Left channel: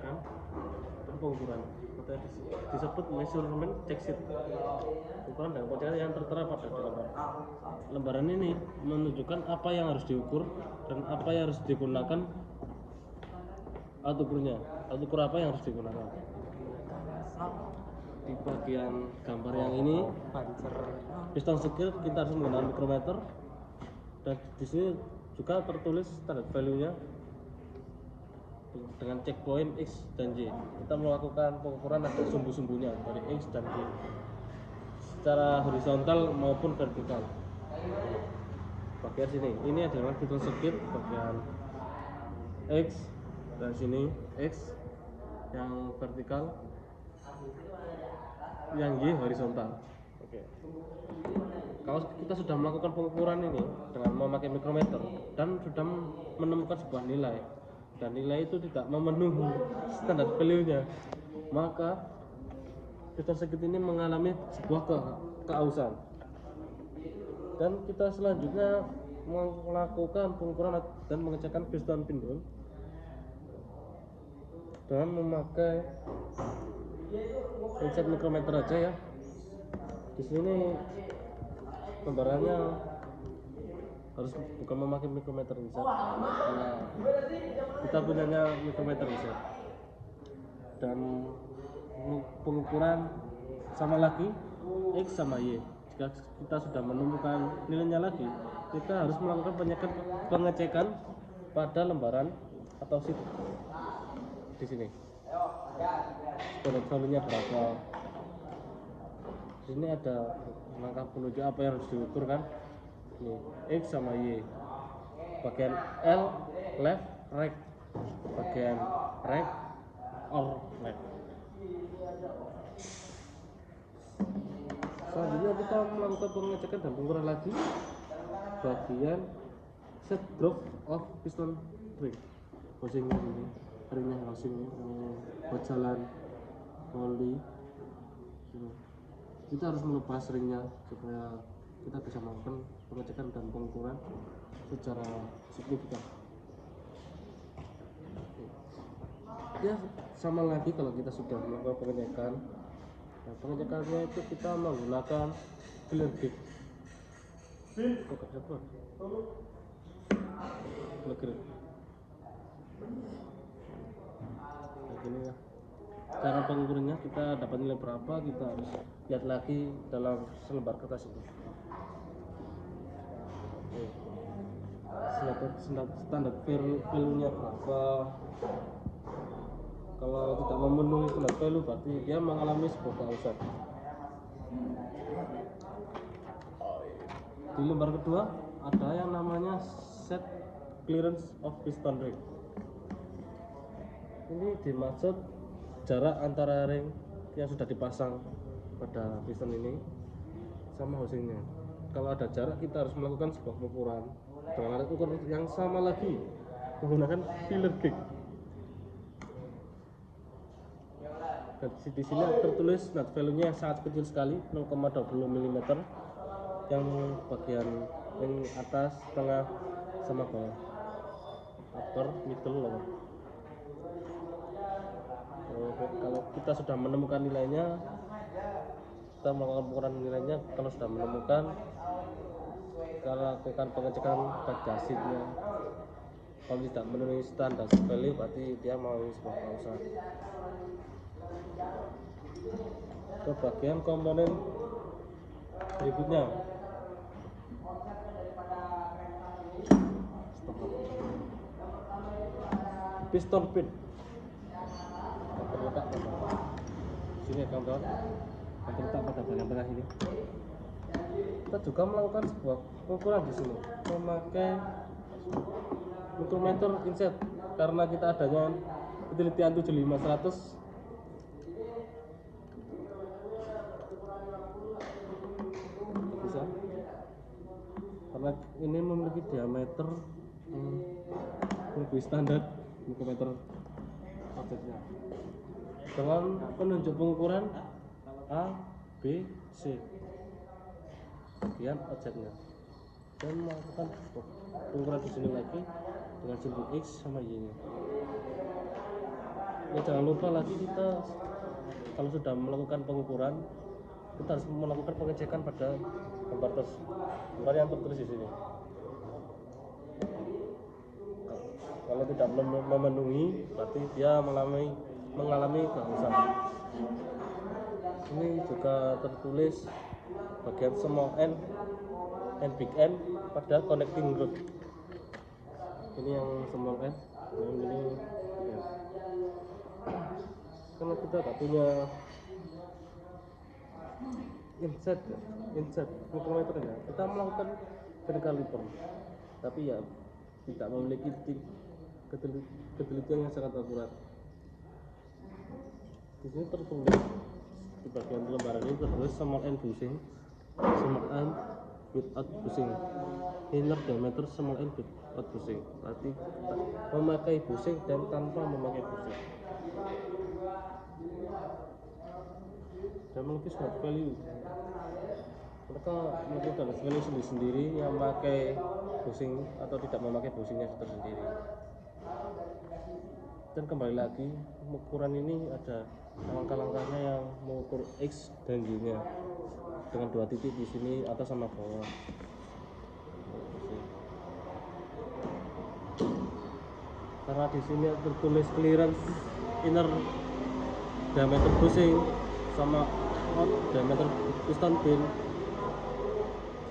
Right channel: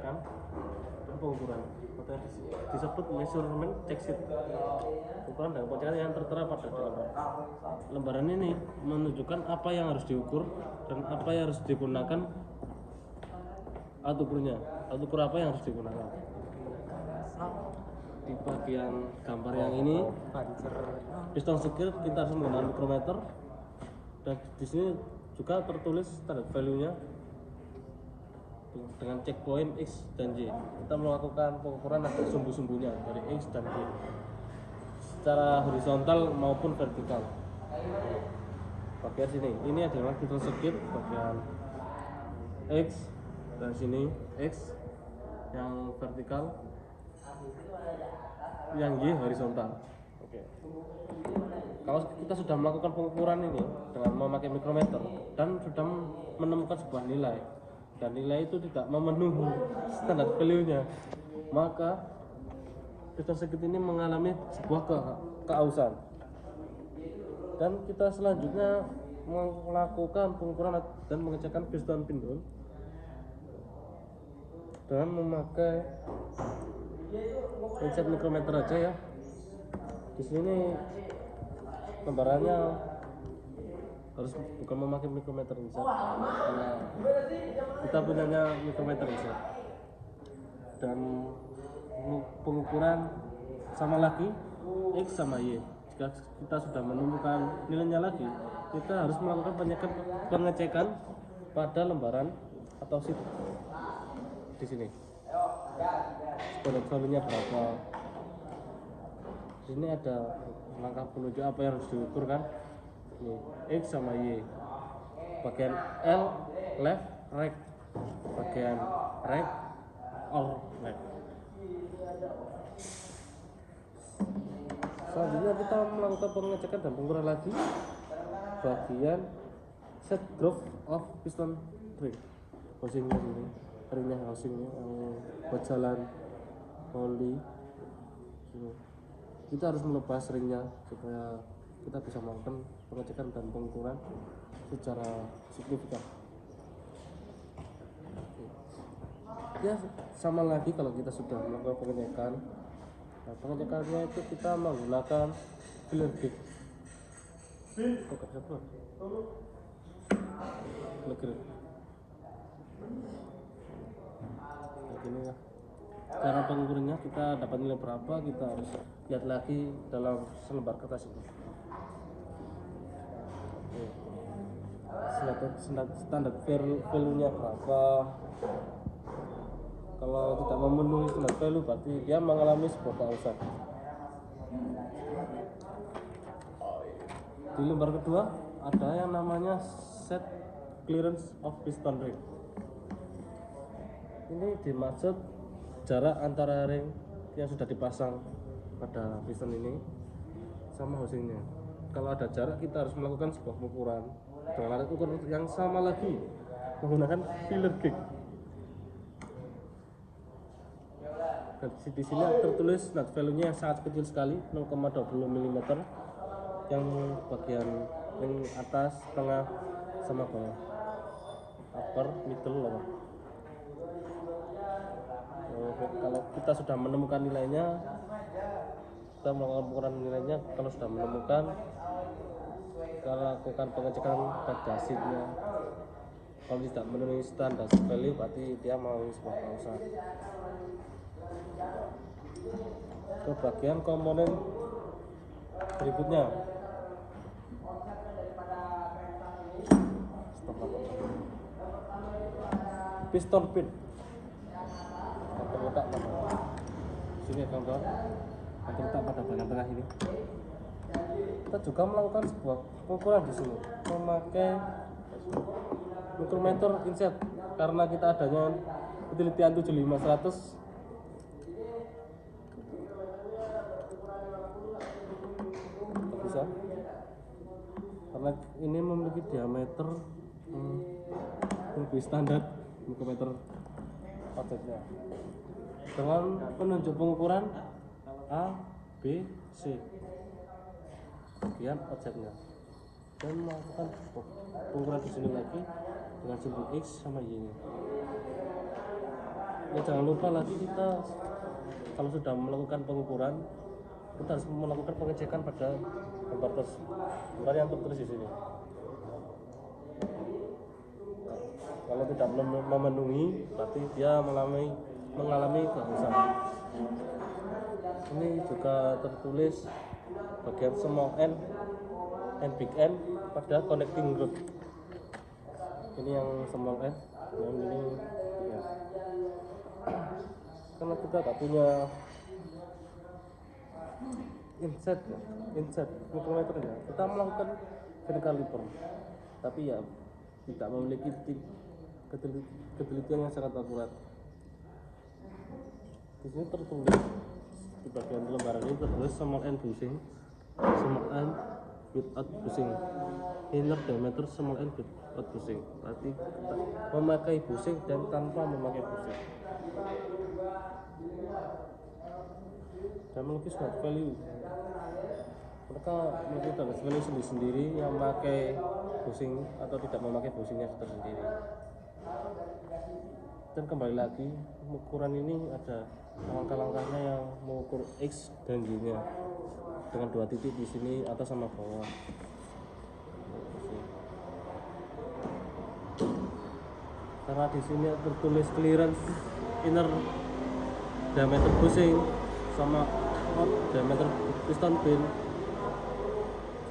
pengecekan dan pengukuran atau disebut measurement check sheet. Ukuran dan pengecekan yang tertera pada lembaran ini menunjukkan apa yang harus diukur dan apa yang harus digunakan alat ukurnya. Alat ukur apa yang harus digunakan? Di bagian gambar yang ini piston sekir kita harus menggunakan mikrometer, dan di sini juga tertulis standar value-nya dengan checkpoint X dan Y. Kita melakukan pengukuran ada sumbu-sumbunya dari X dan Y secara horizontal maupun vertikal. Bagian sini ini adalah piston sekir bagian X, dan sini X yang vertikal, yang Y horizontal. Kalau kita sudah melakukan pengukuran ini dengan memakai mikrometer dan sudah menemukan sebuah nilai, dan nilai itu tidak memenuhi standar value-nya, maka piston sekit ini mengalami sebuah keausan, dan kita selanjutnya melakukan pengukuran dan pengecekan piston pindol dengan memakai pencet mikrometer aja ya. Di sini gambarannya harus bukan memakai mikrometer bisa. Nah, kita gunanya mikrometer bisa. Dan pengukuran sama lagi X sama Y. Jika kita sudah menemukan nilainya lagi, kita harus melakukan pengecekan pada lembaran atau sheet di sini. Standar value-nya berapa? Di sini ada langkah penunjuk apa yang harus diukur kan? Ini X sama Y. Bagian L left right, bagian right or left. Selanjutnya kita melakukan pengecekan dan pengukuran lagi bagian set groove of piston ring. Housingnya ini, ringnya housingnya buat jalan oli. Kita harus melepas ringnya supaya kita bisa melakukan pengecekan dan pengukuran secara signifikan. Ya, sama lagi kalau kita sudah melakukan pengecekan. Nah, pengecekannya itu kita menggunakan filler gauge. Cara pengukurannya kita dapat nilai berapa, kita harus lihat lagi dalam selembar kertas ini. Standar value-nya berapa. Kalau tidak memenuhi standar value berarti dia mengalami sebuah keausan. Di lembar kedua ada yang namanya set clearance of piston ring. Ini dimaksud jarak antara ring yang sudah dipasang pada piston ini sama housingnya. Kalau ada jarak, kita harus melakukan sebuah pengukuran dengan alat ukur yang sama lagi menggunakan filler gauge. Dan di sini tertulis standar value-nya yang sangat kecil sekali, 0,20 mm, yang bagian ring atas, tengah, sama bawah, upper, middle, lower. Kalau kita sudah menemukan nilainya, kita melakukan nilainya. Kalau sudah menemukan, kita lakukan pengecekan pada sheetnya. Kalau tidak memenuhi standar value berarti dia mau sebuah keausan. Ke bagian komponen berikutnya, piston pin. Sini kawan-kawan, nanti kita pada bagian tengah ini. Kita juga melakukan sebuah pengukuran di sini memakai mikrometer inset, karena kita adanya penelitian 75100. Bisa, karena ini memiliki diameter lebih standar mikrometer objeknya, dengan penunjuk pengukuran A, B, C bagian objeknya, dan melakukan pengukuran di sini lagi dengan simbol X sama Y nya. Ya jangan lupa lagi kita kalau sudah melakukan pengukuran kita harus melakukan pengecekan pada gambar yang tertulis di sini. Kalau tidak memenuhi berarti dia mengalami kerusakan. Ini juga tertulis bagian small n and big N pada connecting rod. Ini yang small n dan ini ya. Karena kita tak punya inset mikrometer ya, kita melakukan kaliper, tapi ya tidak memiliki ketelitian yang sangat akurat. Di sini tertulis di bagian lembaran ini tertulis small n bushing, small n without bushing, inner diameter small n without bushing. Berarti memakai bushing dan tanpa memakai bushing. Dan melukis smart value, mereka mungkin harus memilih sendiri yang memakai bushing atau tidak memakai bushingnya tersendiri. Dan kembali lagi, ukuran ini ada langkah-langkahnya yang mengukur X dan Y nya dengan 2 titik di sini atas sama bawah. Karena di sini tertulis clearance inner diameter bushing sama diameter piston pin.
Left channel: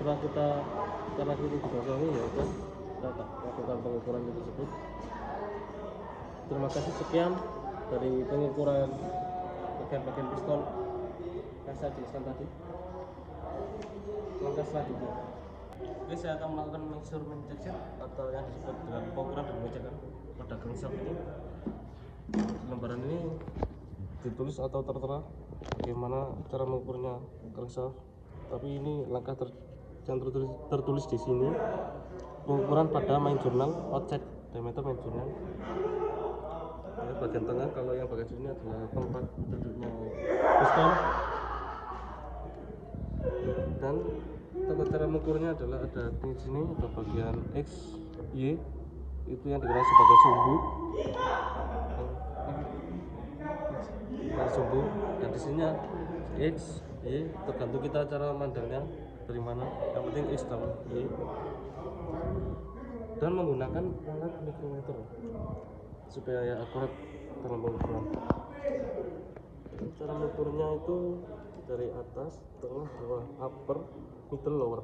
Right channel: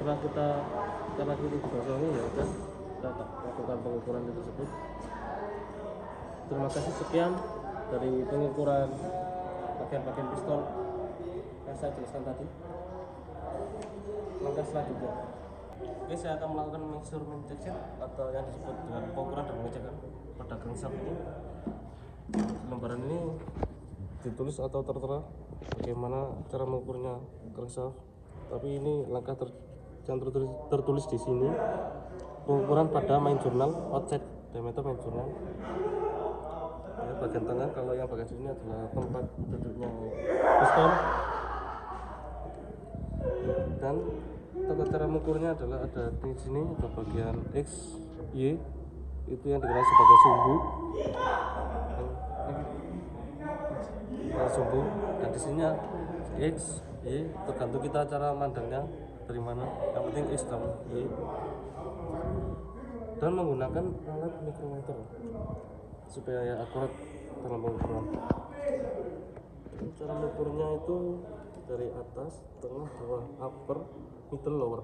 Setelah kita bahasa ini ya kita lakukan pengukuran tersebut. Terima kasih, sekian dari pengukuran bagian piston yang saya jelaskan tadi. Langkah selanjutnya, oke, saya akan melakukan measurement section atau yang disebut dengan pengukuran dan pengecekan pada crankshaft ini. Lembaran ini ditulis atau tertera bagaimana cara mengukurnya crankshaft, tapi ini langkah yang tertulis di sini pengukuran pada main journal outside diameter main journal. Bagian tengah, kalau yang bagian sini adalah tempat duduknya piston, dan tata cara mengukurnya adalah ada di sini ada bagian X, Y itu yang dikenal sebagai sumbu, dan di sini X, Y tergantung kita cara mandangnya dari mana, yang penting X dan Y, dan menggunakan alat mikrometer supaya akurat dalam pengukuran. Cara mengukurnya itu dari atas, tengah, bawah, upper, middle, lower.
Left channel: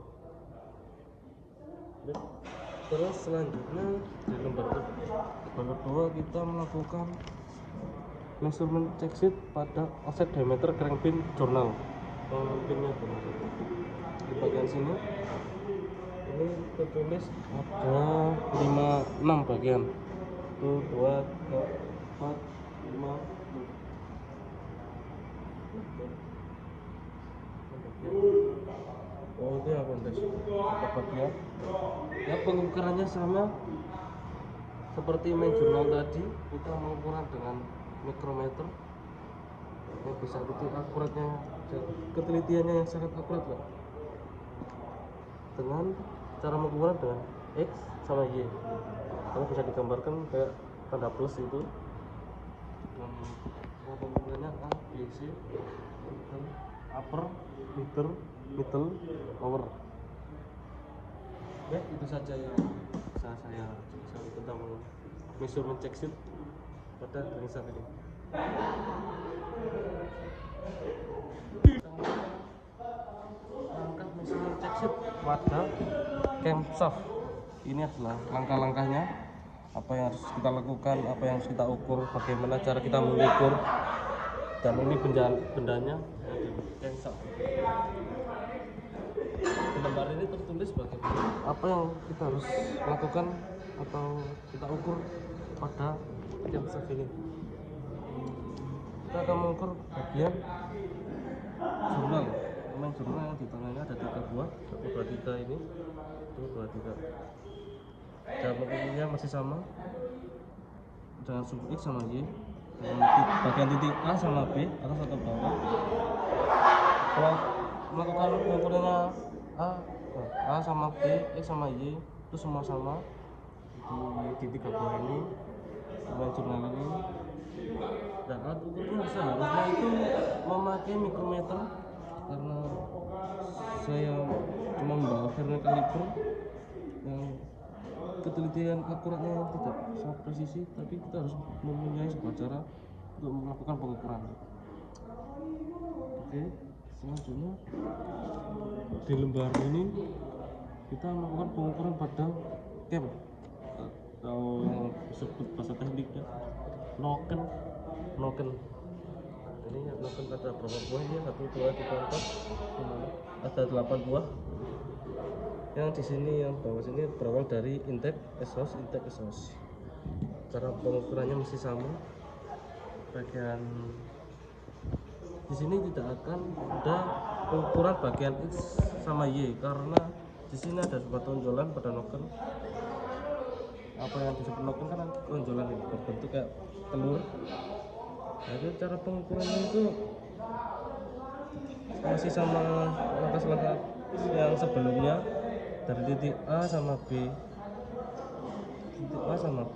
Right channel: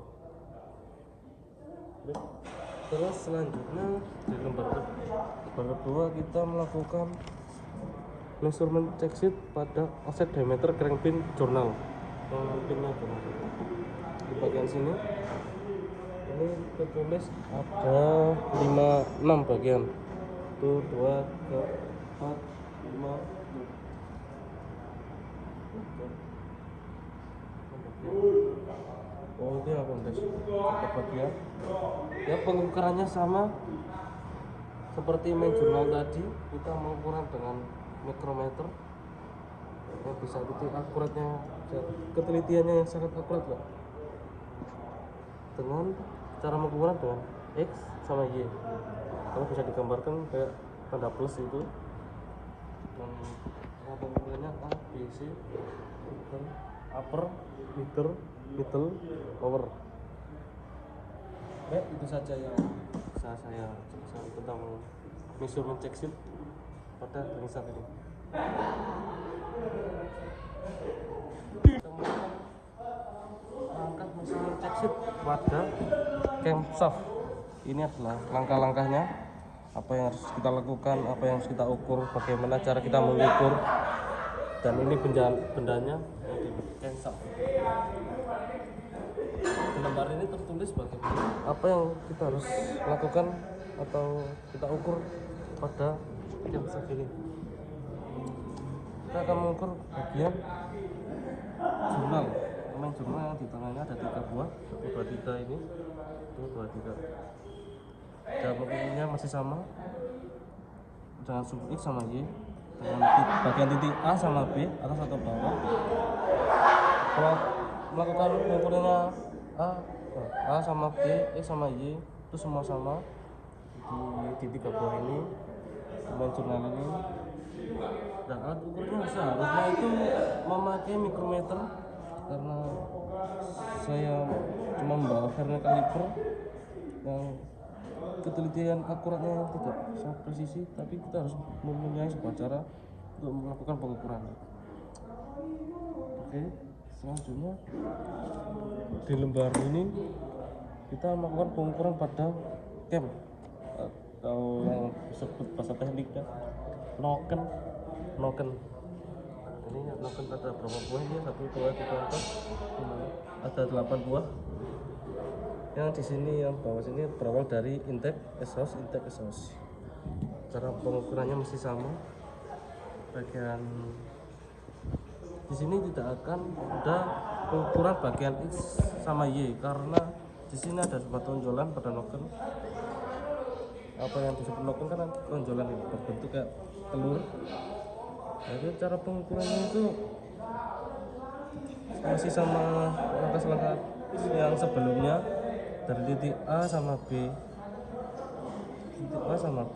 Terus selanjutnya di lembar kedua kita melakukan measurement check sheet pada offset diameter crankpin journal. Crankpinnya di bagian sini ini tertulis ada 6 bagian. 1, 2, 3, 4, 5, 6. Oh, ini ada bagian. Ya, pengukurannya sama seperti main jurnal tadi. Kita mengukur dengan mikrometer. Ya, bisa betul akuratnya, ketelitiannya yang sangat akurat, Pak. Dengan cara mengukur dengan X sama Y. Kalau bisa digambarkan kayak tanda plus itu. Pengukurannya A, B, C, upper, middle, lower. Ya, itu saja yang bisa saya jelaskan tentang measurement check sheet pada crankshaft ini. Langkah measurement check sheet pada crankshaft ini adalah langkah-langkahnya, apa yang harus kita lakukan, apa yang harus kita ukur, bagaimana cara kita mengukur, dan ini bendanya crankshaft. Lembar ini tertulis bagaimana apa yang kita harus lakukan atau kita ukur pada crankshaft ini. Kita akan mengukur bagian jurnal. Memang jurnal di tengahnya ada 3 buah, 2, 3 ini, 2, 3. Dan bentuknya masih sama dengan sumbu X sama Y, dengan bagian titik A sama B atas atau bawah. Kalau melakukan pengukurannya A sama B, X sama Y itu semua sama di 3 buah ini, dan jurnal ini alat ukurnya seharusnya itu memakai mikrometer, karena saya cuma membawa vernier kaliper yang ketelitian akuratnya tidak sangat presisi, tapi kita harus mempunyai sebuah cara untuk melakukan pengukuran. Oke, selanjutnya di lembar ini kita melakukan pengukuran pada cam atau yang disebut bahasa tekniknya noken. Ini noken ada berapa buah ini? 1, 2, 3, 4, ada 8 buah. Yang di sini, yang bawah sini berawal dari intake exhaust. Cara pengukurannya masih sama. Bagian di sini tidak akan ada pengukuran bagian X sama Y, karena di sini ada sebuah tonjolan pada noken. Apa yang disebut noken kan tonjolan itu berbentuk kayak telur. Jadi cara pengukurannya itu masih sama langkah-langkah yang sebelumnya, dari titik A sama B, sama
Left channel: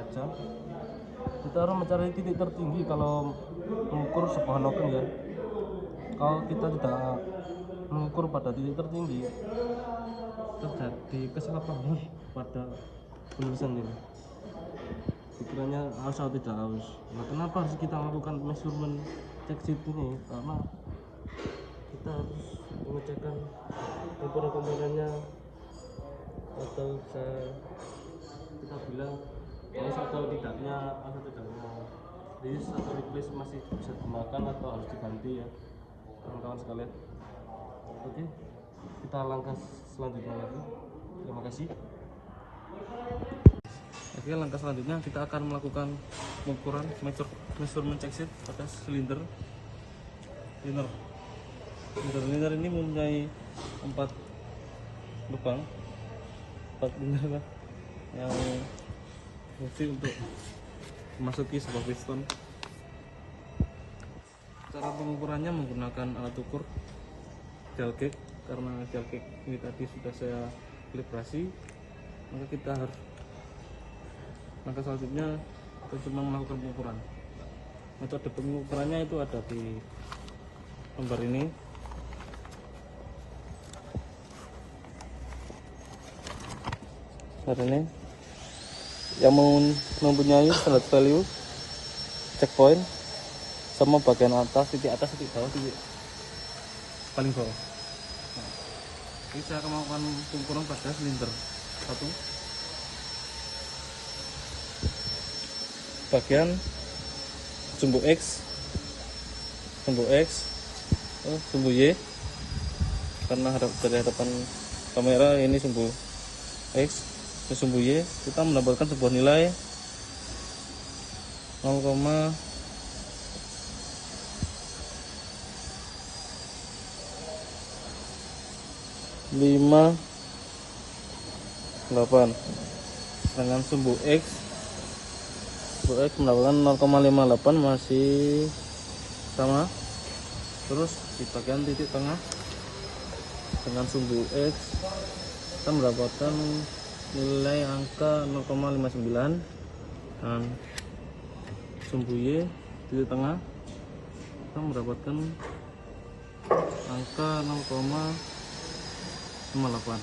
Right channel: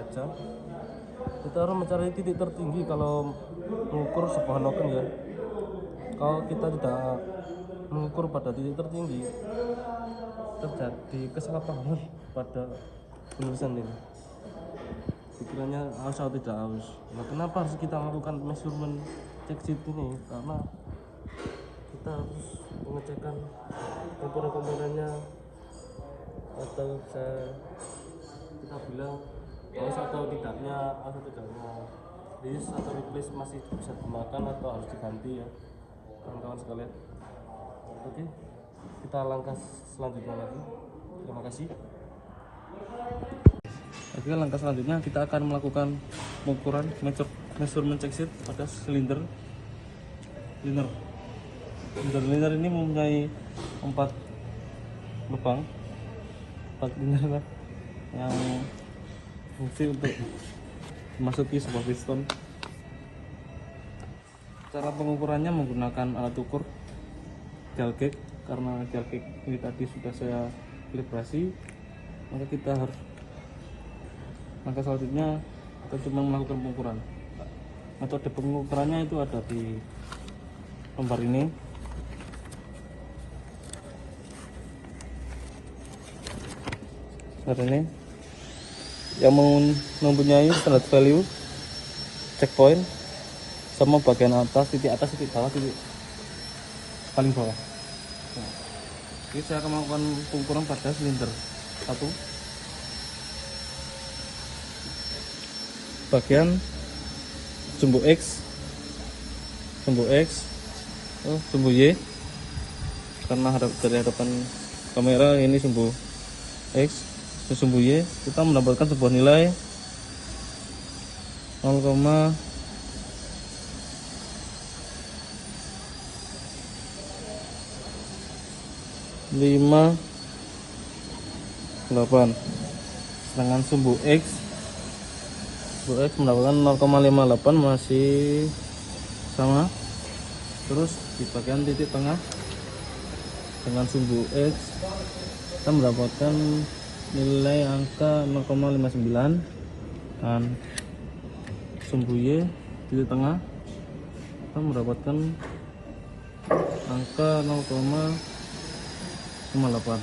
aja. Kita harus mencari titik tertinggi kalau mengukur sebuah noken ya. Kalau kita tidak mengukur pada titik tertinggi, terjadi kesalahpahaman pada penulisan ini. Pikirannya harus atau tidak harus. Nah, kenapa harus kita melakukan measurement check sheet ini? Karena kita harus mengecekkan komponen-komponennya, atau kita bilang harus atau tidaknya list atau replace masih bisa digunakan atau harus diganti ya kawan-kawan sekalian. Oke, kita langkah selanjutnya lagi. Terima kasih. Oke, langkah selanjutnya kita akan melakukan pengukuran measurement check sheet pada silinder ini mempunyai 4 lubang, 4 liner yang fungsi untuk memasuki sebuah piston. Cara pengukurannya menggunakan alat ukur dial gauge. Karena dial gauge ini tadi sudah saya kalibrasi, maka kita harus langkah selanjutnya kita cuma melakukan pengukuran. Metode pengukurannya itu ada di lembar ini. Ini yang mempunyai standard value, checkpoint, sama bagian atas, titik bawah, titik paling bawah. Nah, ini saya akan melakukan pengukuran pada silinder 1. Bagian sumbu X, sumbu Y, karena dari hadapan kamera ini sumbu X, sumbu Y, kita mendapatkan sebuah nilai 0,5 8. Sedangkan sumbu X mendapatkan 0,58, masih sama. Terus di bagian titik tengah dengan sumbu X kita mendapatkan nilai angka 0,59, dan sumbu Y di tengah kita mendapatkan angka 0,58.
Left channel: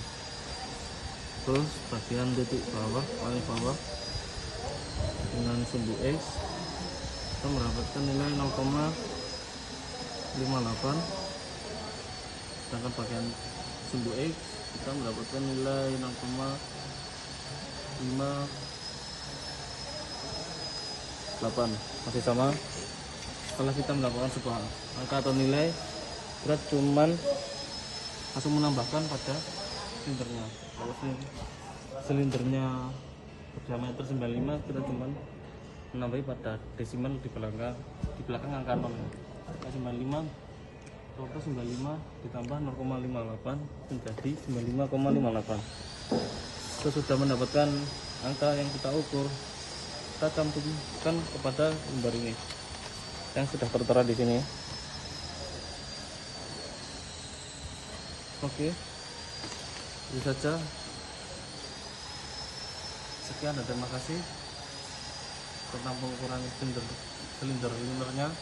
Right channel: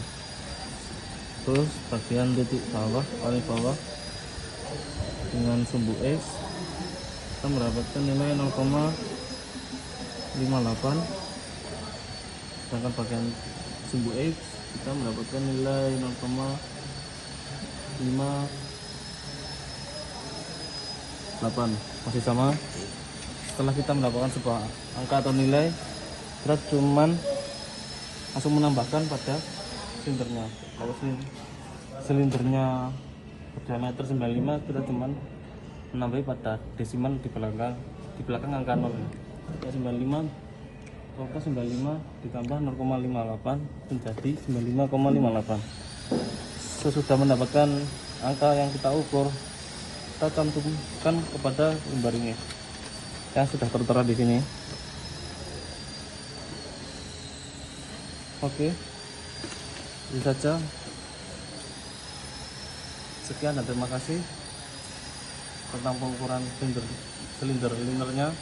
terus bagian titik bawah, paling bawah dengan sumbu X kita mendapatkan nilai 0,58, sedangkan bagian sumbu X kita mendapatkan nilai 0,58, masih sama. Setelah kita mendapatkan sebuah angka atau nilai, kita cuman langsung menambahkan pada silindernya. Kalau silindernya berdiameter 95, kita cuman menambah pada desimal di belakang angka 0 ya. 95 ditambah 0,58 menjadi 95,58. Sesudah mendapatkan angka yang kita ukur, kita cantumkan kepada lembar ini yang sudah tertera di sini. Oke, itu saja. Sekian dan terima kasih. tentang pengukuran silinder linernya